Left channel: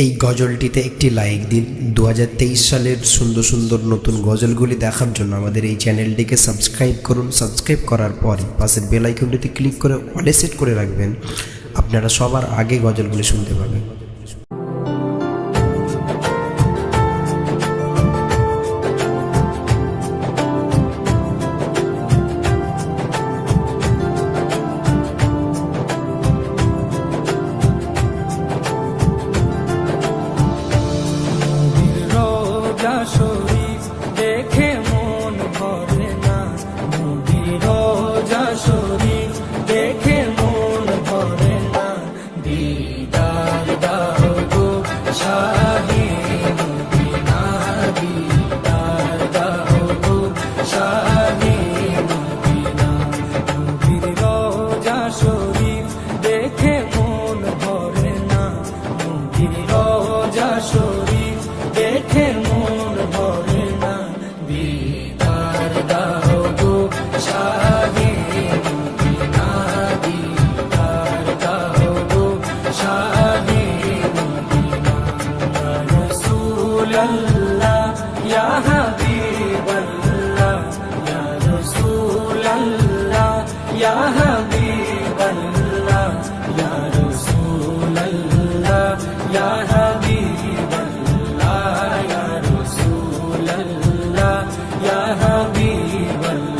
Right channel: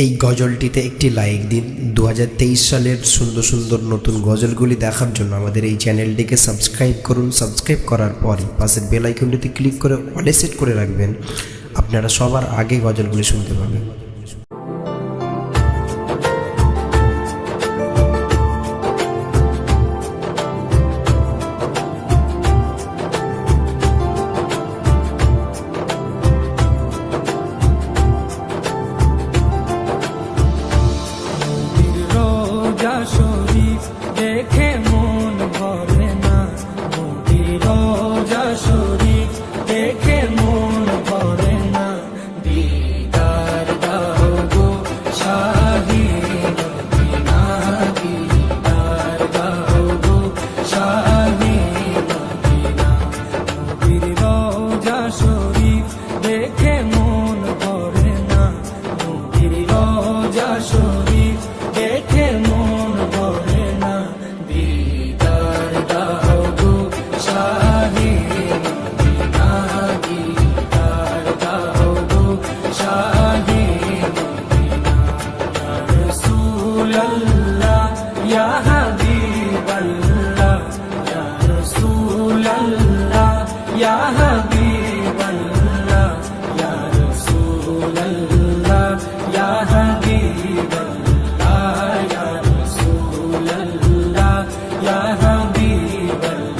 এই গজলটিতে একটি লাইক দিন। 2023 সালের সুন্দর সুন্দর নতুন গজলগুলি দেখার জন্য আমাদের এই চ্যানেলটিকে সাবস্ক্রাইব করুন। সাবস্ক্রাইব করার পরই পাশের বেল আইকনটিতে ক্লিক করে অলে সেট করে রাখবেন, আপনারা সবার আগে গজলগুলি শুনতে পাবেন। রোজা শরীফ দেখে মন ভরে না, নবীর রোজা শরীফ দেখে মন ভরে না। দিদার দাও গো শাহে মদিনা, দিদার দাও গো শাহে মদিনা। নবীর রোজা শরীফ দেখে মন ভরে না, নবীর রোজা শরীফ দেখে মন ভরে না। দিদার দাও গো শাহে মদিনা, দিদার দাও গো শাহে মদিনা। ইয়া রাসূলুল্লাহ ইয়া হাবিবাল্লাহ, ইয়া রাসূলুল্লাহ ইয়া হাবিবাল্লাহ, ইয়া রাসূলুল্লাহ ইয়া হাবিবাল্লাহ, ইয়া রাসূলুল্লাহ ইয়া হাবিবাল্লাহ।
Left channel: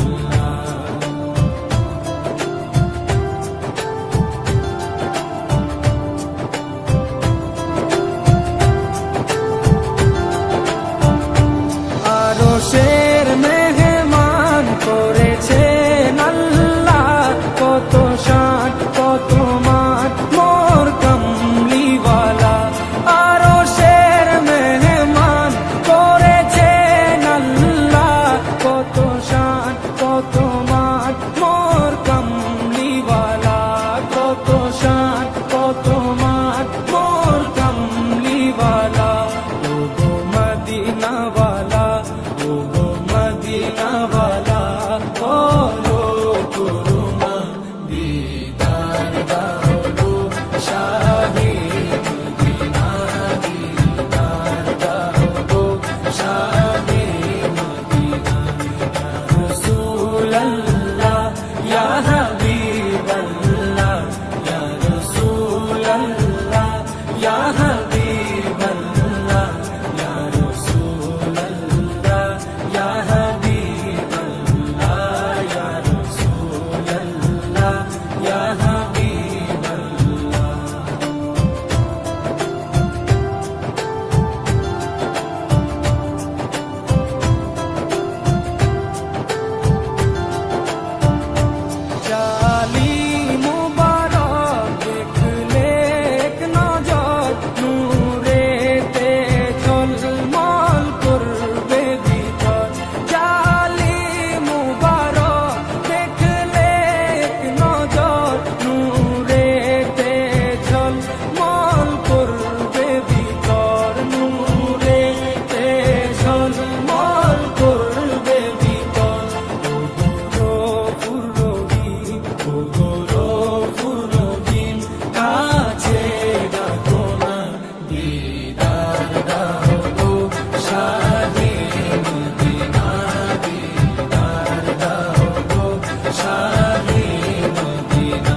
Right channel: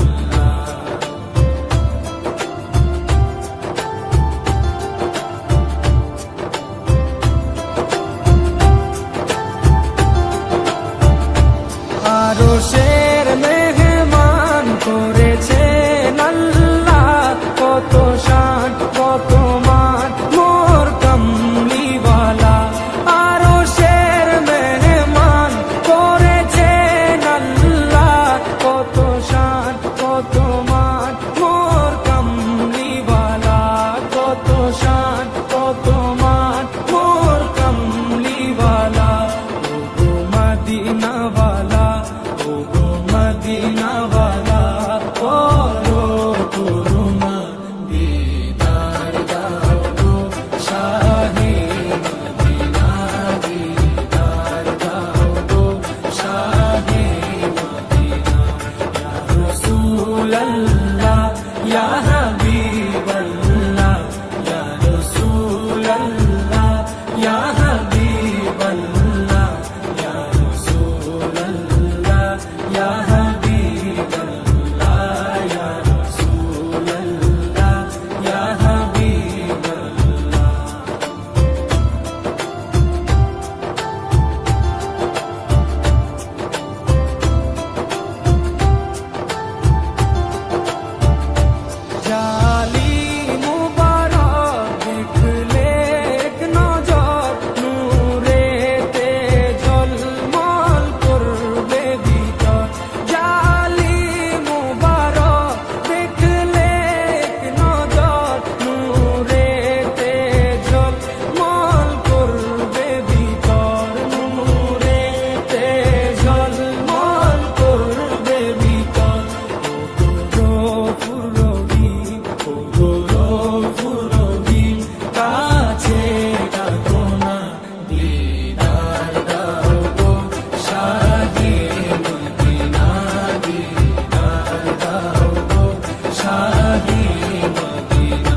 আরশের মেহমান করেছেন আল্লাহ, কত শান কত মান মোর কামলিওয়ালা। আরশের মেহমান করেছেন আল্লাহ, কত শান কত মান মোর কামলিওয়ালা, কত শান কত মান মোর কামলিওয়ালা। ও গো মদিনাওয়ালা, ও গো মদিনাওয়ালা, করো করুণা, দিদার দাও গো শাহে মদিনা, দিদার দাও গো শাহে মদিনা। ইয়া রাসূলুল্লাহ ইয়া হাবিবাল্লাহ, ইয়া রাসূলুল্লাহ ইয়া হাবিবাল্লাহ, ইয়া রাসূলুল্লাহ ইয়া হাবিবাল্লাহ, ইয়া রাসূলুল্লাহ ইয়া হাবিবাল্লাহ। জালিম মুবারক দেখলে এক নজর, নূরেতে ঝলমল করবে ভিতর। জালিম মুবারক দেখলে এক নজর, নূরেতে ঝলমল করবে ভিতর, নূরেতে ঝলমল করবে ভিতর। ও গো পুরবি, ও গো পুরবি, কাছে ডাকো না, দিদার দাও গো শাহে মদিনা, দিদার দাও গো শাহে মদিনা।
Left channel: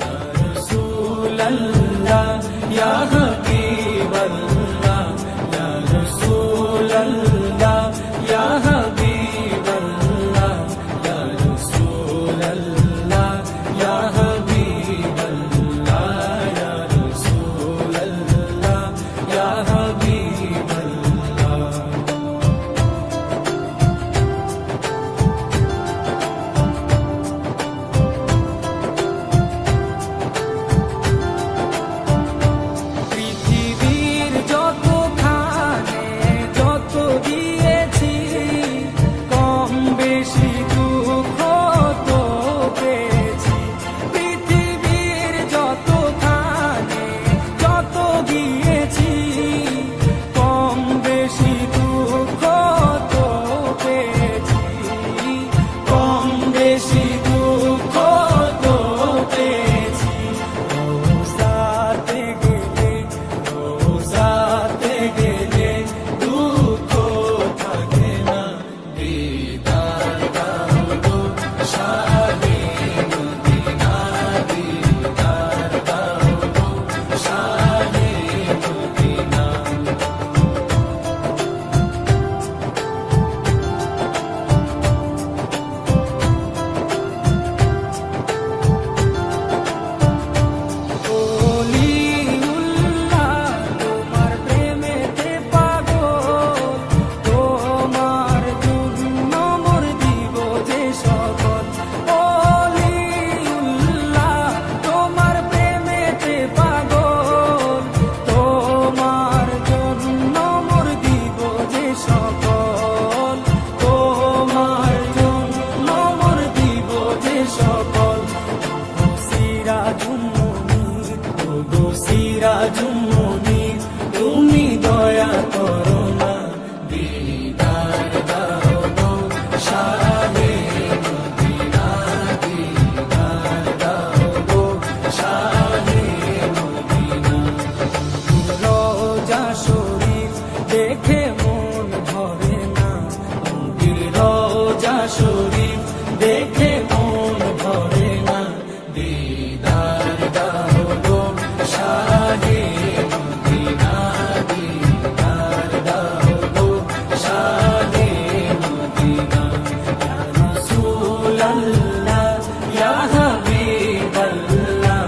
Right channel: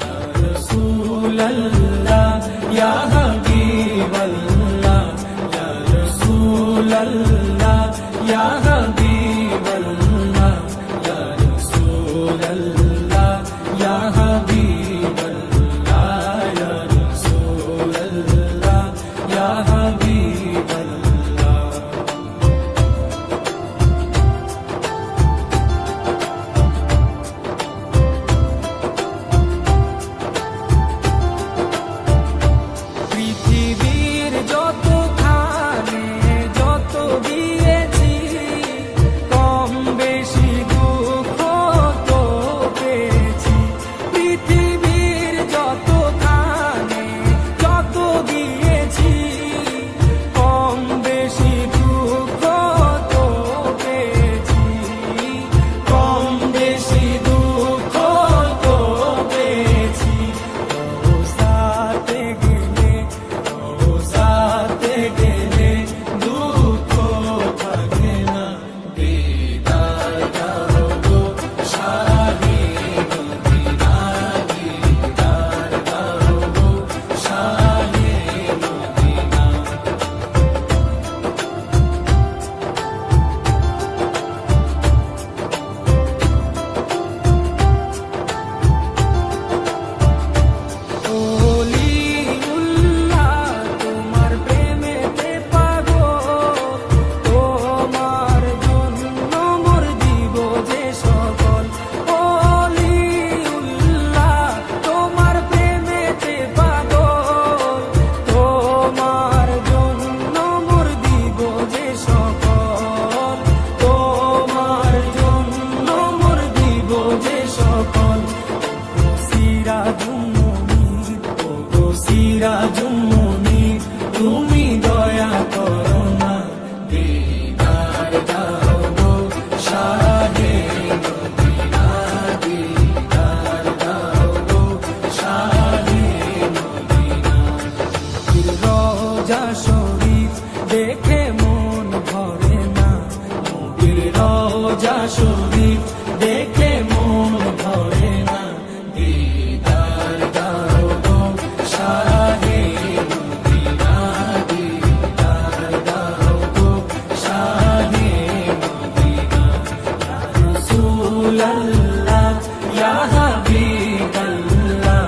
ইয়া রাসূলুল্লাহ ইয়া হাবিবাল্লাহ, ইয়া রাসূলুল্লাহ ইয়া হাবিবাল্লাহ, ইয়া রাসূলুল্লাহ ইয়া হাবিবাল্লাহ, ইয়া রাসূলুল্লাহ ইয়া হাবিবাল্লাহ। পৃথিবীর যতখানে যত দিয়েছি, কম বেশি দুঃখ তো পেয়েছি। পৃথিবীর যতখানে যত দিয়েছি, কম তুমি দয়া করো না, দিদার দাও গো শাহে মদিনা, দিদার দাও গো শাহে মদিনা। রোজা শরীফ দেখে মন ভরে না, নবীর রোজা শরীফ দেখে মন ভরে না, দিদার দাও গো শাহে মদিনা, দিদার দাও গো শাহে মদিনা। ইয়া রাসূলাল্লাহ ইয়া হাবিবাল্লাহ,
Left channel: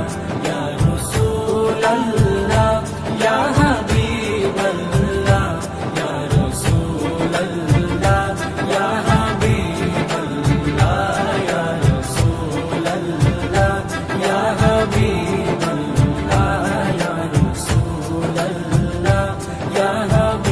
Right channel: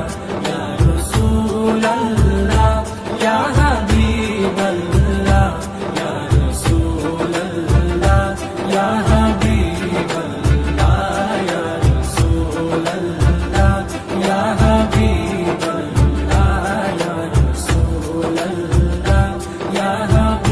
ইয়া রাসূলাল্লাহ ইয়া হাবিবাল্লাহ, ইয়া রাসূলাল্লাহ ইয়া হাবিবাল্লাহ, ইয়া রাসূলাল্লাহ ইয়া হাবিবাল্লাহ, ইয়া রাসূলাল্লাহ ইয়া হাবিবাল্লাহ।